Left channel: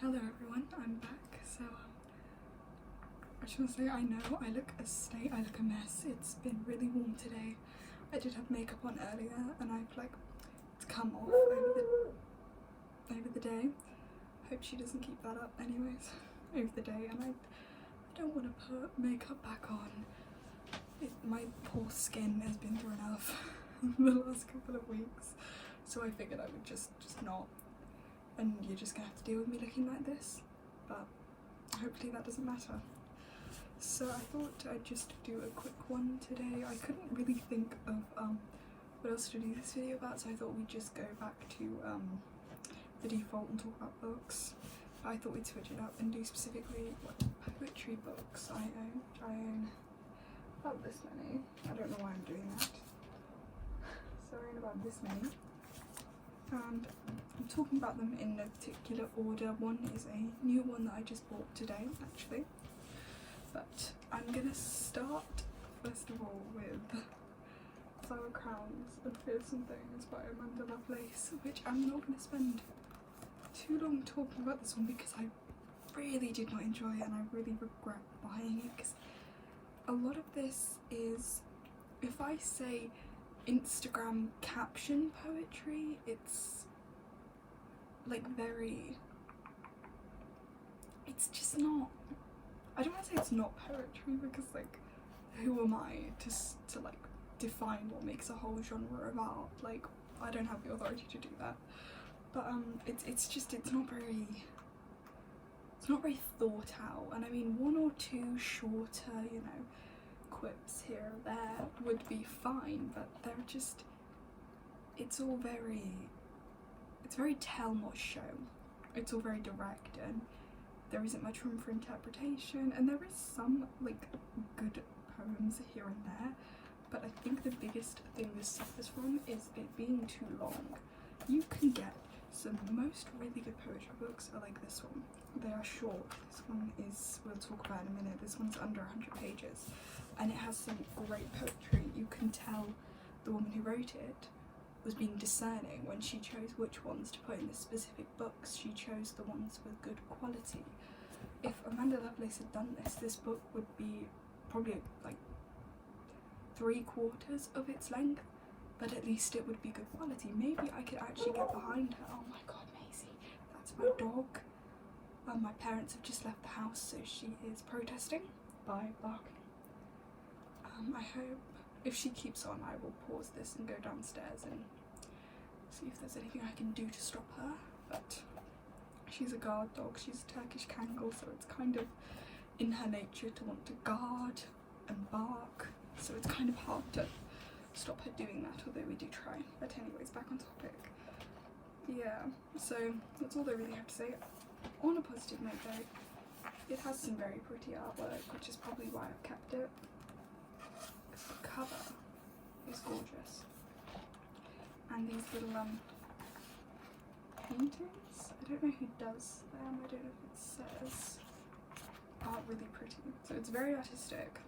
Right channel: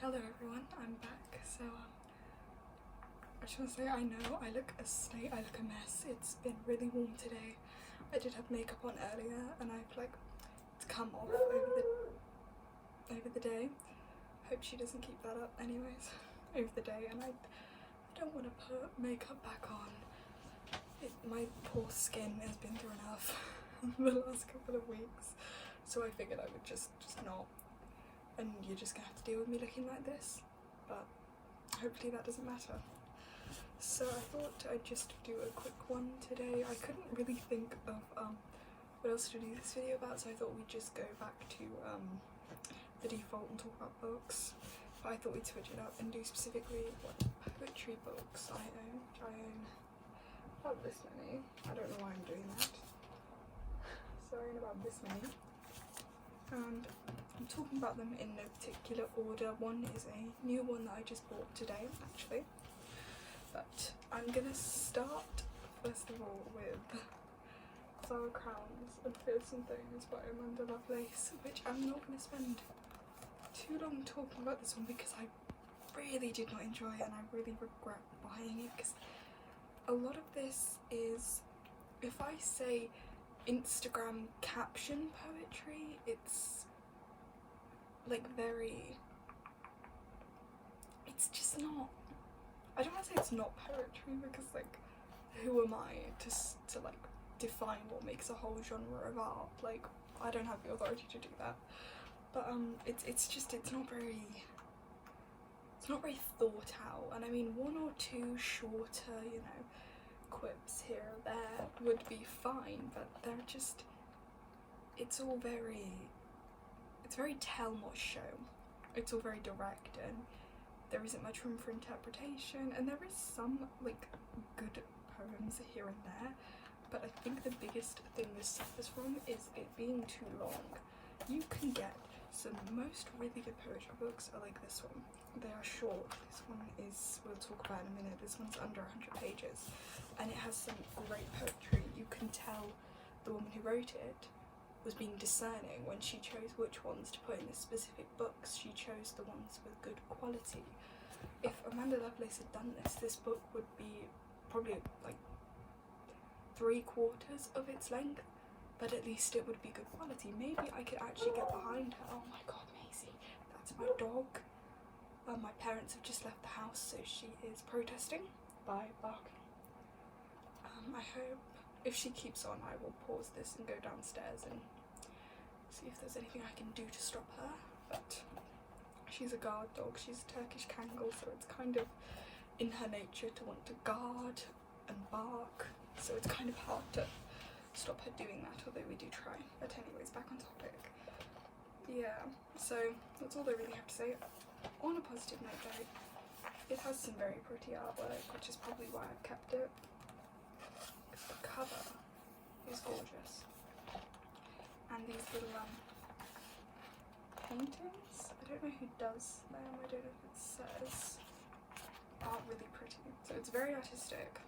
Hello everyone, I'm back. So I just want to say I know I look a state, I look a mess. It's been really warm today. I did have makeup on earlier and I've like come off over the day. Hope she doesn't keep that up anyways over the day, and I don't want to put makeup back on. My poor skin has been through enough the last couple of weeks, so I figured I would just not, and you're just gonna have to deal with me looking like this, but hopefully that doesn't matter. So I thought I'd just do a quick one today. I couldn't really think of what else to do this video about, so I thought we'd just go back to the default and talk about books. But I thought we'd switch it up and do specifically what poetry books I own, which I own about this many. I don't know why I'm doing that. So I own about this many, and I'm talking about them in no particular order. One is a new one that I just bought today actually, but I'm gonna start first of all with Flower Crowns and Fears and Things by Amanda Lovelace, which I'm not going to spend too long talking about this one because I really did not enjoy it and I really regret buying it, because a lot of this is, if I say Instagram caption poetry, it's like it's just not, I don't want to say it's not poetry because like who am I to like define what makes a whole genre of art? Like I don't have the authority to do that, but it's not very thought out. And I mean, one or two shorter, you know, quips here or there would be fine, but they're just, it's very tell not show. It's all very direct and there isn't much room for interpretation, and there is some like good poems here and there, but I think the biggest thing this suffers from is it being too long. You can get most really good poetry books are like this one. They are short. This one is, we'll talk about in a minute, this one's under 100 pages and it has some great poetry. You can tell the woman who wrote it was being discerning when she chose which ones to put in the specific books. She chose the ones with good quality. If Amanda Lovelace had done this, this book would be probably like 3/4 of its length, but at least it would be good quality. Maybe I could actually get behind her. Oh my god, Maisie, that's my dog. My parents have just left the house, so she is protesting by barking. I hope, if she keeps on, I will pause this and go downstairs and see if there's anything I can do to stop her, but she's a guard dog. She's a Turkish Kangal, so it's kind of in her nature to want to guard and bark, so it's kind of hard to stop her doing that, although we do try. But anyways, back on topic. Yeah, so that's all I really have to say. On a positive note though, it has some very pretty artwork, which is probably why I've kept it. The cover is gorgeous, and these little paintings, I don't know who does them, I don't know if it says, are really pretty. So it's very artistic,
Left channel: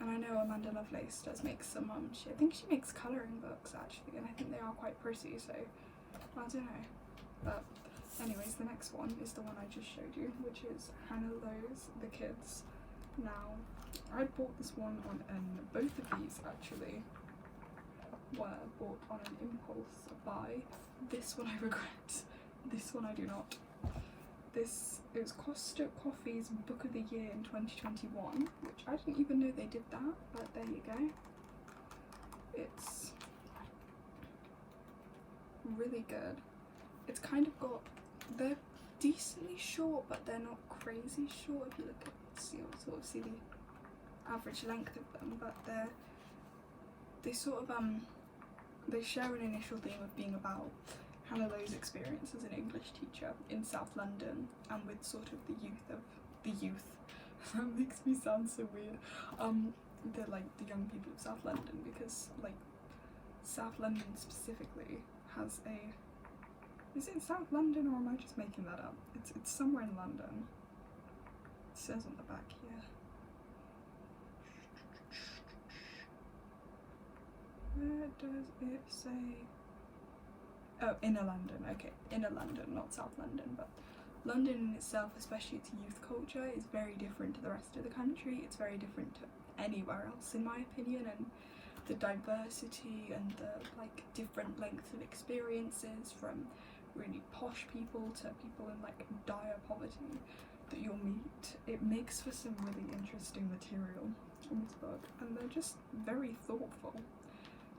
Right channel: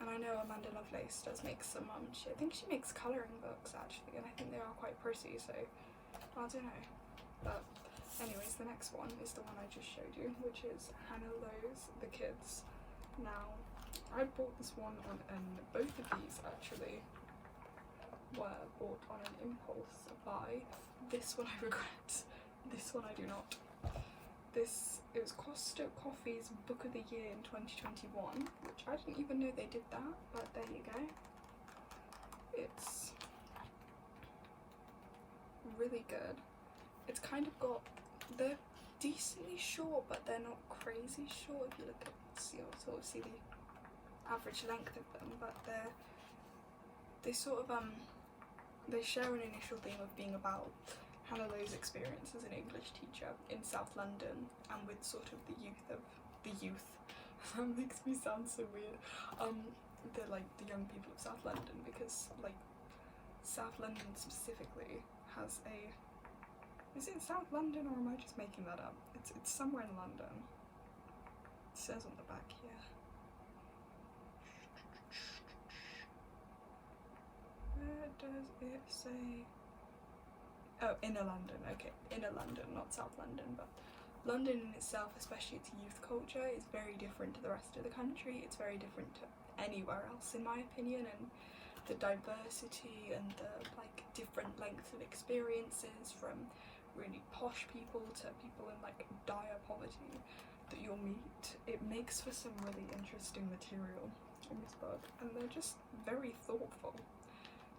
and I know Amanda Lovelace does make some I think she makes colouring books actually, and I think they are quite pretty, so I don't know. But anyways, the next one is the one I just showed you, which is Hannah Lowe's The Kids. Now, I bought this one on both of these actually were bought on an impulse buy. This one I regret, this one I do not. It was Costa Coffee's Book of the Year in 2021, which I didn't even know they did that, but there you go. It's really good. It's kind of got, they're decently short, but they're not crazy short if you look at, sort of see the average length of them, but they sort of they share an initial theme of being about Hannah Lowe's experience as an English teacher in South London, and with sort of the youth that makes me sound so weird, they're like the young people of South London, because like South London specifically has a, is it South London or am I just making that up? It's somewhere in London. It says on the back here. Where does it say? Oh, Inner London. Okay, Inner London, not South London, but London in itself, especially its youth culture, is very different to the rest of the country. It's very different to anywhere else, in my opinion, and the diversity and the like different lengths of experiences, from really posh people to people in like dire poverty that you'll meet, it makes for some really interesting material in this book, and they're just very thoughtful.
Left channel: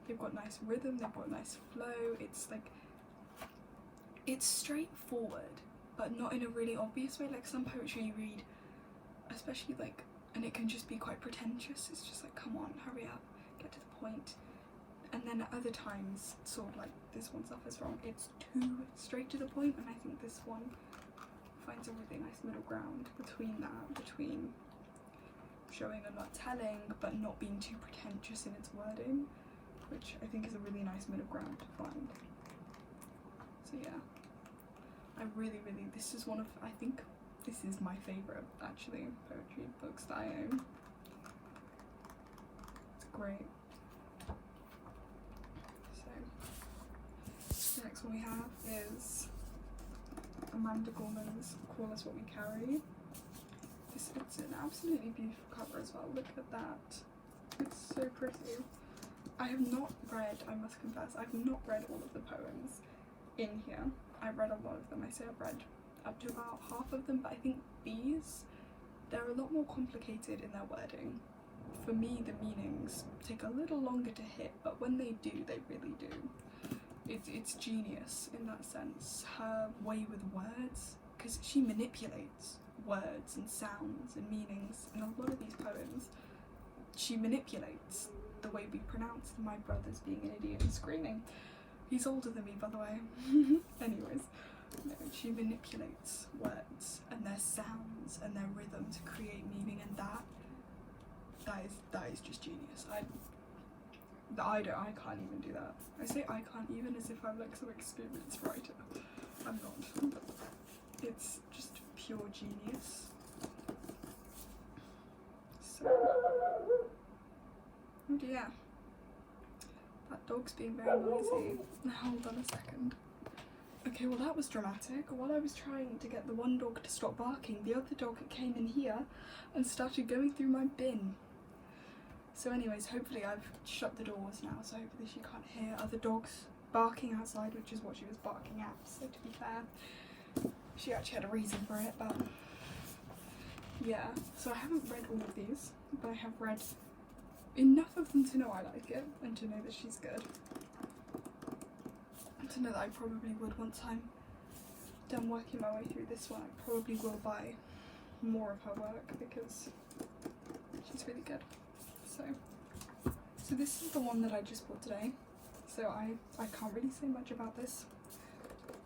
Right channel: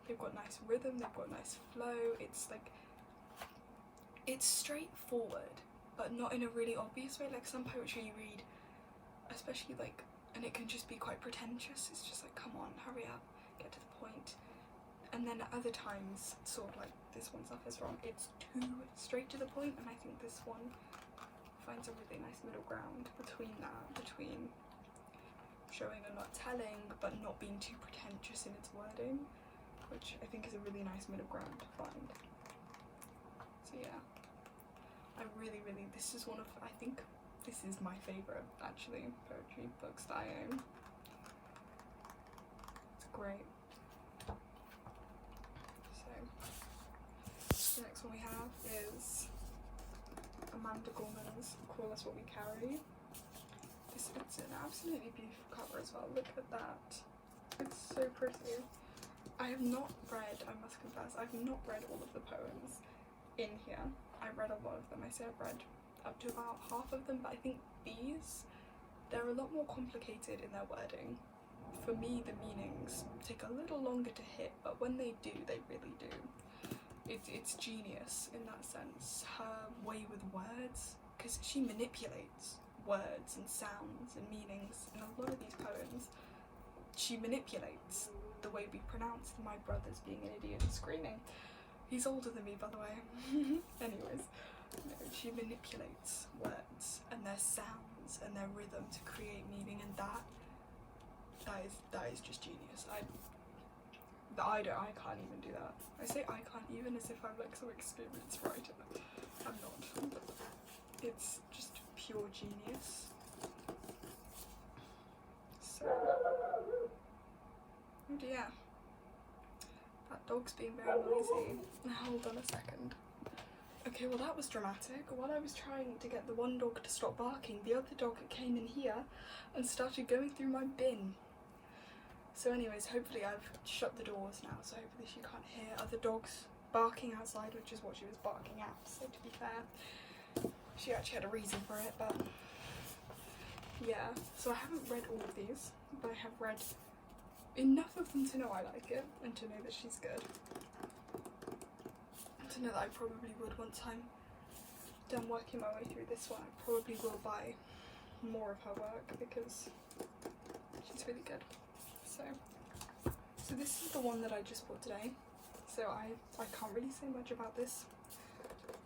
They've got nice rhythm, they've got nice flow. It's like, it's straightforward but not in a really obvious way. Like some poetry you read, especially like, and it can just be quite pretentious. It's just like, come on, hurry up, get to the point. And then at other times, sort of like this one suffers from, it's too straight to the point, and I think this one finds a really nice middle ground between that, between showing and not telling, but not being too pretentious in its wording, which I think is a really nice middle ground to find. So yeah, I really, this is one of, I think this is my favourite, actually, poetry books that I own. It's great. So, the next one we have is Amanda Gorman's Call Us What We Carry. It's an absolutely beautiful cover as well. Look at that. It's so pretty. I have not read, I must confess, I have not read all of the poems in here. I've read a lot of them. I say I've read up to about half of them, but I think these, they're a lot more complicated in their wording. For me, the meanings take a little longer to hit, but when they do, they really do. It's genius in that sense. Her way with words, because she manipulates words and sounds and meanings in a lot of these poems. She manipulates the way we pronounce my brother's being an idiot and screaming. He's older than me, by the way. Anyways, no, she manipulates words and their sounds and their rhythm to create meaning, and that is just genius. I can't even do that. I say I can't even as if I'm like some experienced writer. I'm not. It's just pure genius. So, oh dear. That dog's being very noisy. Hold on a second. Okay, well that was dramatic. While I was trying to get the one dog to stop barking, the other dog came in here and started going through my bin. So anyways, hopefully I've shut the doors now, so hopefully she can't hear other dogs barking outside, which is what she was barking at. So to be fair, she actually had a reason for it, but yeah. So I haven't read all of these, but I have read enough of them to know I like it, and to know that she's good, and to know that I probably would, once I'm done working my way through this one, I probably will buy more of her work because she's really good. So this is the one that I just bought today. So I can't really say much about this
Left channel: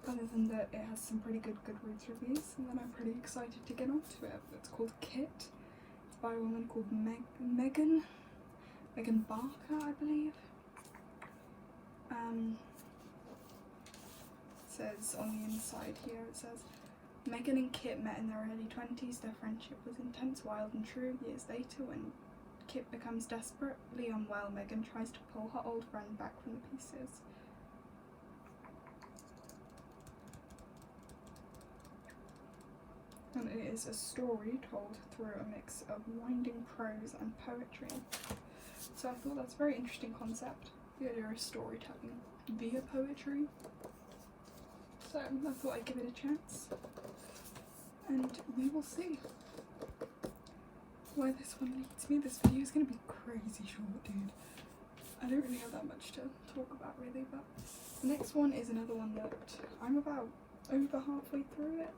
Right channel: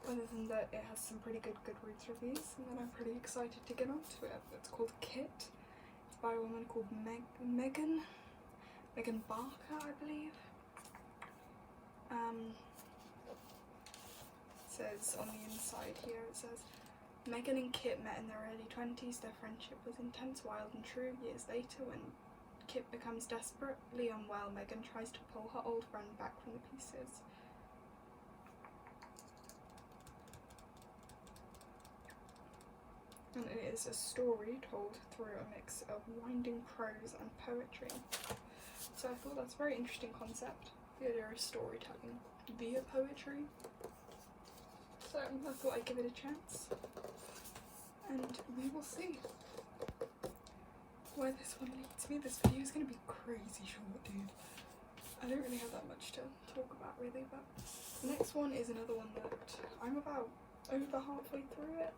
other than that it has some pretty good Goodreads reviews, and then I'm pretty excited to get onto it. It's called Kit. It's by a woman called Megan Barker, I believe. It says on the inside here, it says, Megan and Kit met in their early 20s. Their friendship was intense, wild and true. Years later, when Kit becomes desperately unwell, Megan tries to pull her old friend back from the pieces. And it is a story told through a mix of winding prose and poetry. So I thought that's a very interesting concept, the idea of storytelling via poetry. So I thought I'd give it a chance, and we will see where this one leads me. This video is going to be crazy short, dude. I don't really have that much to talk about really, but the next one is another one that I'm about over halfway through it,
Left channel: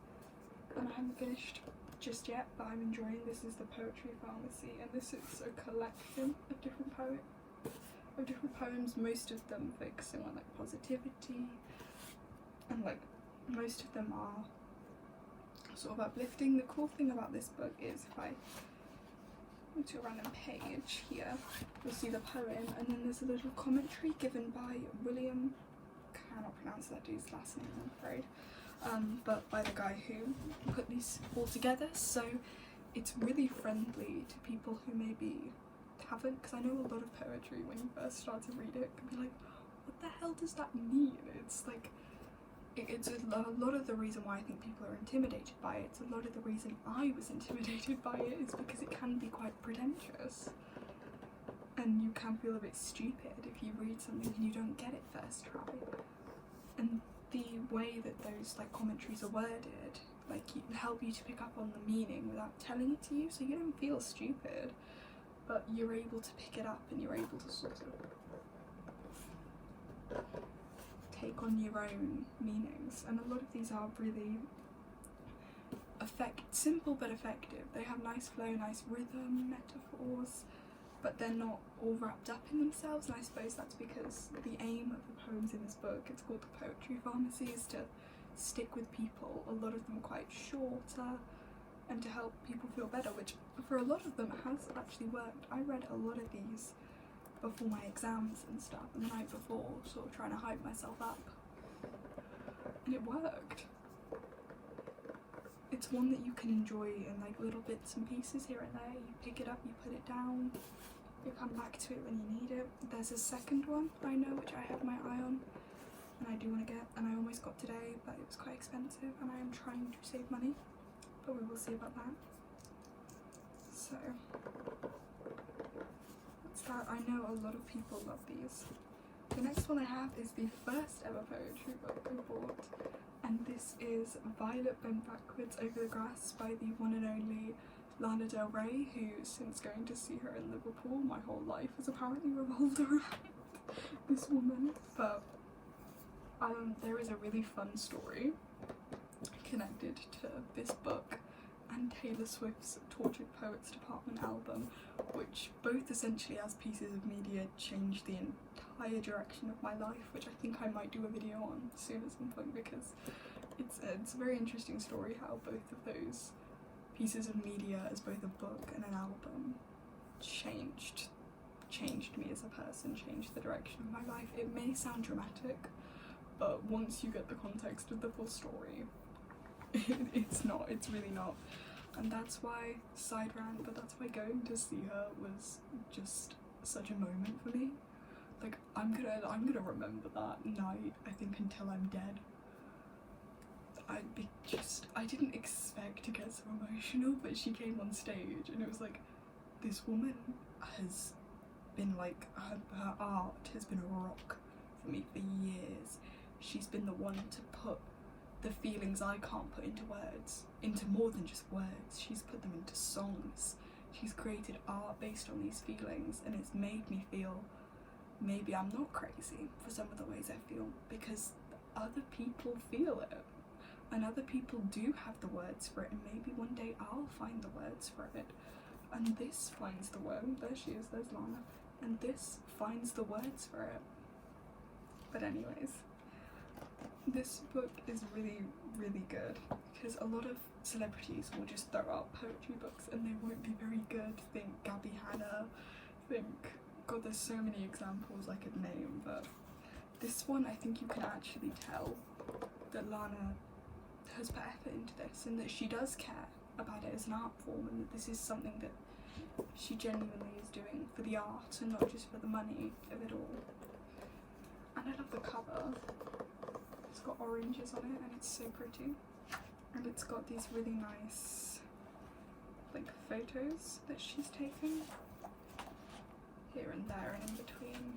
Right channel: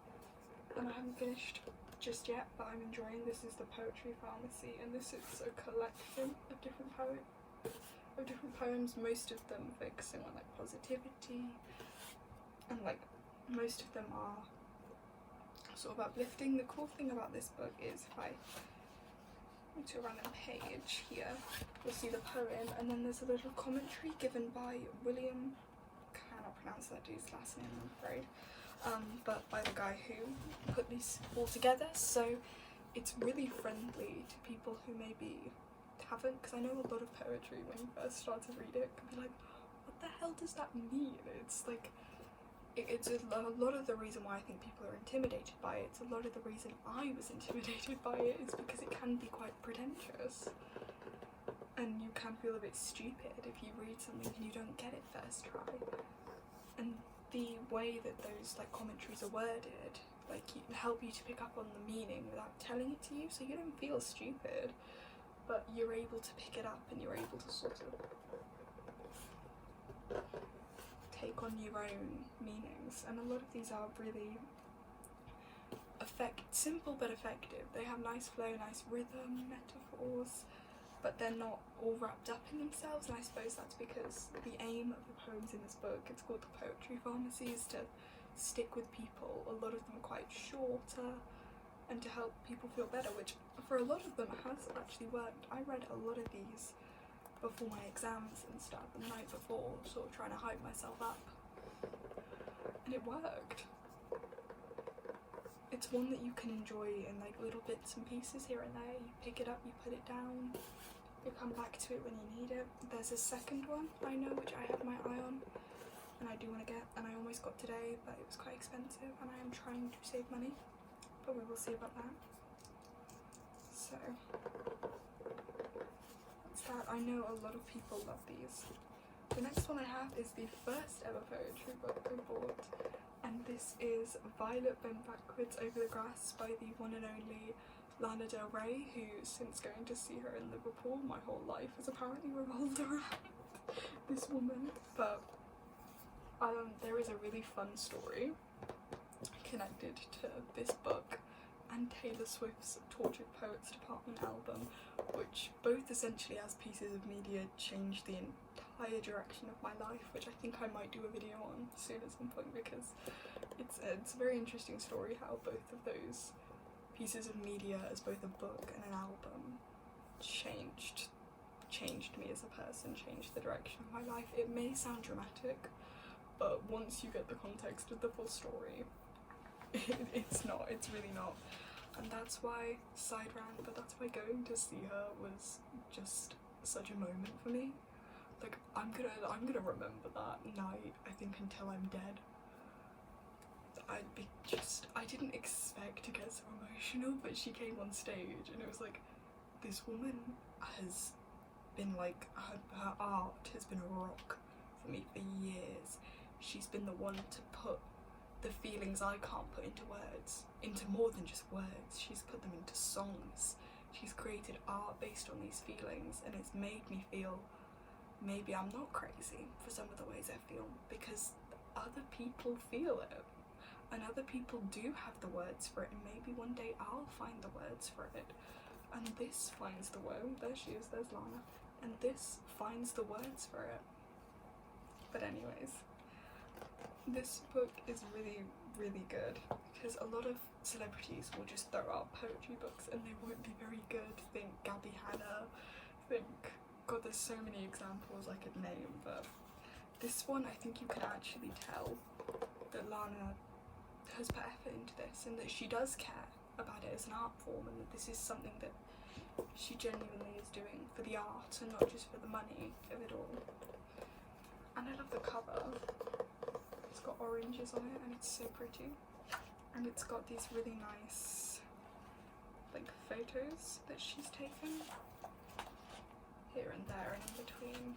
and I haven't finished just yet, but I'm enjoying. This is The Poetry Pharmacy, and this is a collection of different poems, most of them focusing on like positivity, and like most of them are sort of uplifting. The cool thing about this book is if I go to a random page here, you'll see the poem, and then there's a little commentary given by William, cannot pronounce that dude's last name, I'm afraid, but by the guy who put these all together. So it's really friendly to people who maybe haven't, because I know a lot of poetry when you first start to read it can be like, what the hell does that mean? It's like it's a lot of the reason why I think people are intimidated by it. It's a lot of the reason I was intimidated by it is because it can be quite pretentious. And you can feel a bit stupid if you read something and you don't get it first try. And the way that those like commentaries are worded, like help you to pick up on the meaning without telling it to you, so you don't feel stupid, but you're able to pick it up and you're able to sort of take on your own meanings. And a lot of these are really simple but effective. They have nice flow, nice rhythm, metaphors, but they're not all wrapped up in themselves, and I suppose that's because the aim of the poems in this book, it's called The Poetry Pharmacy, is to stick with people. A lot of them are quite shorter, and to help people feel better, which for a lot of them has actually worked. I read a lot of these before my exams and stuff, and the night before, sort of trying to hype myself up, and it worked. It's one that you can enjoy in like little bits and pieces here and there. You pick it up, you put it down, you come back to it when you need it. There's a second one I know which I have my eye on and I do want to get, and I almost got today, but it was quite expensive and I am trying to save money, but we will see about that. So that's that. I know a lot of people love these. The next one I have is the first ever poetry book I bought, and this is Violet Bent Backwards Over the Grass by the one and only Lana Del Rey, who, since going to see her in Liverpool, my whole life has apparently revolved around this woman. But there is a really fun story connected to this book and Taylor Swift's Tortured Poets Department album, which both essentially as pieces of media changed the entire direction of my life, which I think I might do a video on soon at some point, because it's a very interesting story how both of those pieces of media as both a book and an album changed me as a person, changed the direction of my life. It may sound dramatic, but once you get the context of the full story, it's really not. And that's why, side rant, but that's why going to see her was just such a moment for me. Like, I'm gonna remember that night, I think, until I'm dead. I didn't expect to get so emotional, but she came on stage and it was like, this woman has been like, her art has been a rock for me for years. She's been the one to put the feelings I can't put into words, into more than just words. She's put them into songs. She's created art based on these feelings, and it's made me feel maybe I'm not crazy for some of the ways I feel, because other people feel it. And other people do have the words for it, and maybe one day I'll find the words for it. And this finds the word. There she is, there's Lana. And this finds the words for it. But anyways, this book is really, really good, because a lot of celebrities will just throw out poetry books and they won't be very good. Think Gabby Hanna, God, there's so many examples I could name, but this one I think you can actually tell that Lana has put effort into this, and that she does care about it as an art form, and that this is something that she genuinely is doing for the art and not just for the money of it all. And I love the cover. It's got oranges on it and it's so pretty, and it's got these really nice like photos that she's taken here and there and in between.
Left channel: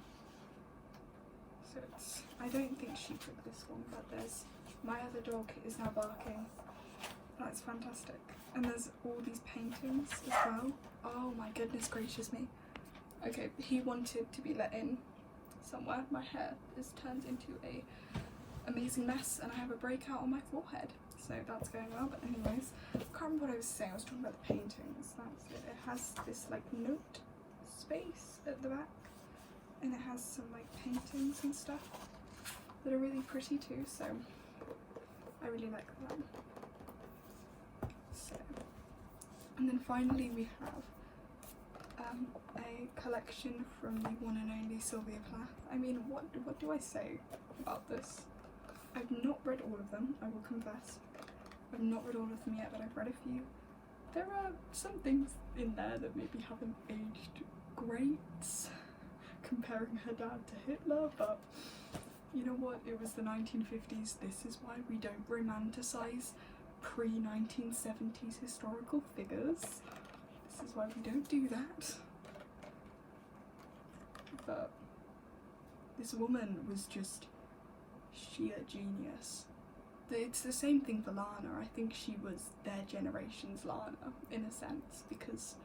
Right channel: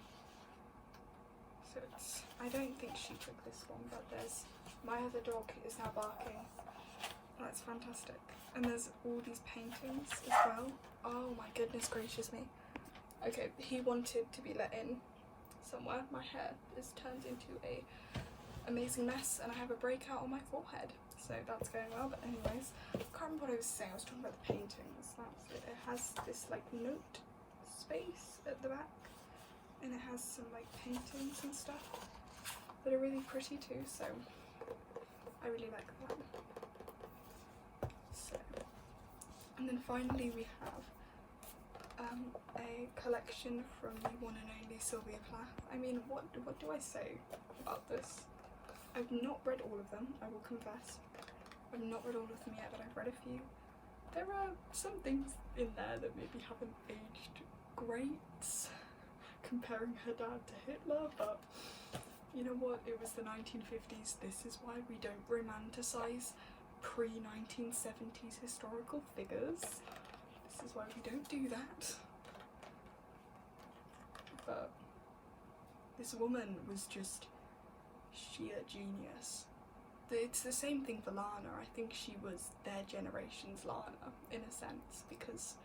So it's, I don't think she took this one, but there's, my other dog is now barking. That's fantastic. And there's all these paintings as well. Oh my goodness gracious me. Okay, he wanted to be let in somewhere. My hair has turned into a amazing mess and I have a breakout on my forehead. So that's going well, but anyways, I can't remember what I was saying. I was talking about the paintings. That's it. It has this like note space at the back, and it has some like paintings and stuff that are really pretty too, so I really like that. So, and then finally we have a collection from the one and only Sylvia Plath. I mean, what do I say about this? I've not read all of them, I will confess. I've not read all of them yet, but I've read a few. There are some things in there that maybe haven't aged great, comparing her dad to Hitler, but You know what? It was the 1950s. This is why we don't romanticize pre-1970s historical figures. This is why we don't do that. But this woman was just sheer genius. It's the same thing for Lana. I think she was their generation's Lana, in a sense, because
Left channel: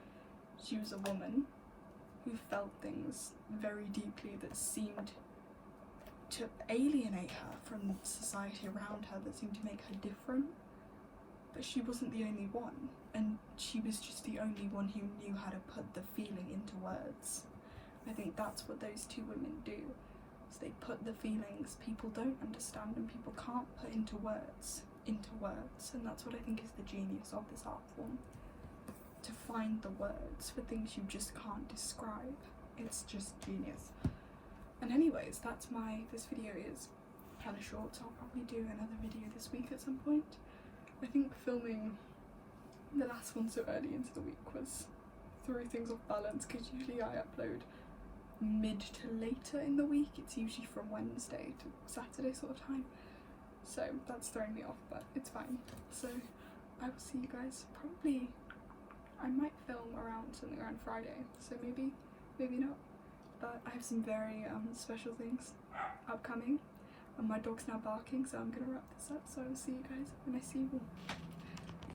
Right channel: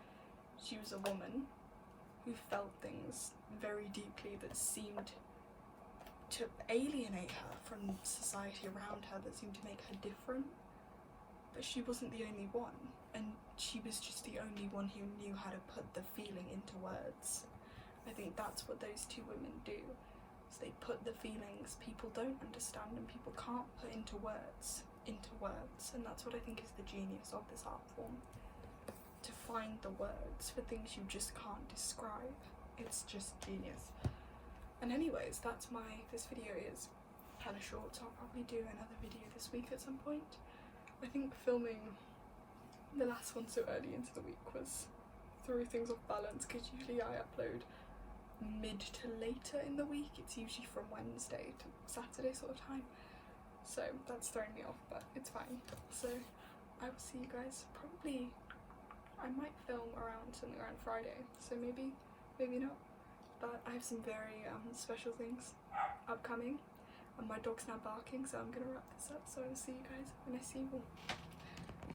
she was a woman who felt things very deeply that seemed to alienate her from society around her, that seemed to make her different. But she wasn't the only one, and she was just the only one who knew how to put the feeling into words. I think that's what those two women do. They put the feelings people don't understand and people can't put into words, and that's what I think is the genius of this art form. To find the words for things you just can't describe. It's just genius. And anyways, this video is kind of short, so I'll probably do another video this week at some point. I think filming the last one so early into the week threw things off balance, because usually I upload mid to later in the week. It's usually from Wednesday to Saturday sort of time, so that's throwing me off, but it's fine. So I will see you guys probably, I might film something around Friday, so maybe not, but I have some very special things upcoming, and my dog's now barking, so I'm gonna wrap this up. So I will see you guys when I see you all.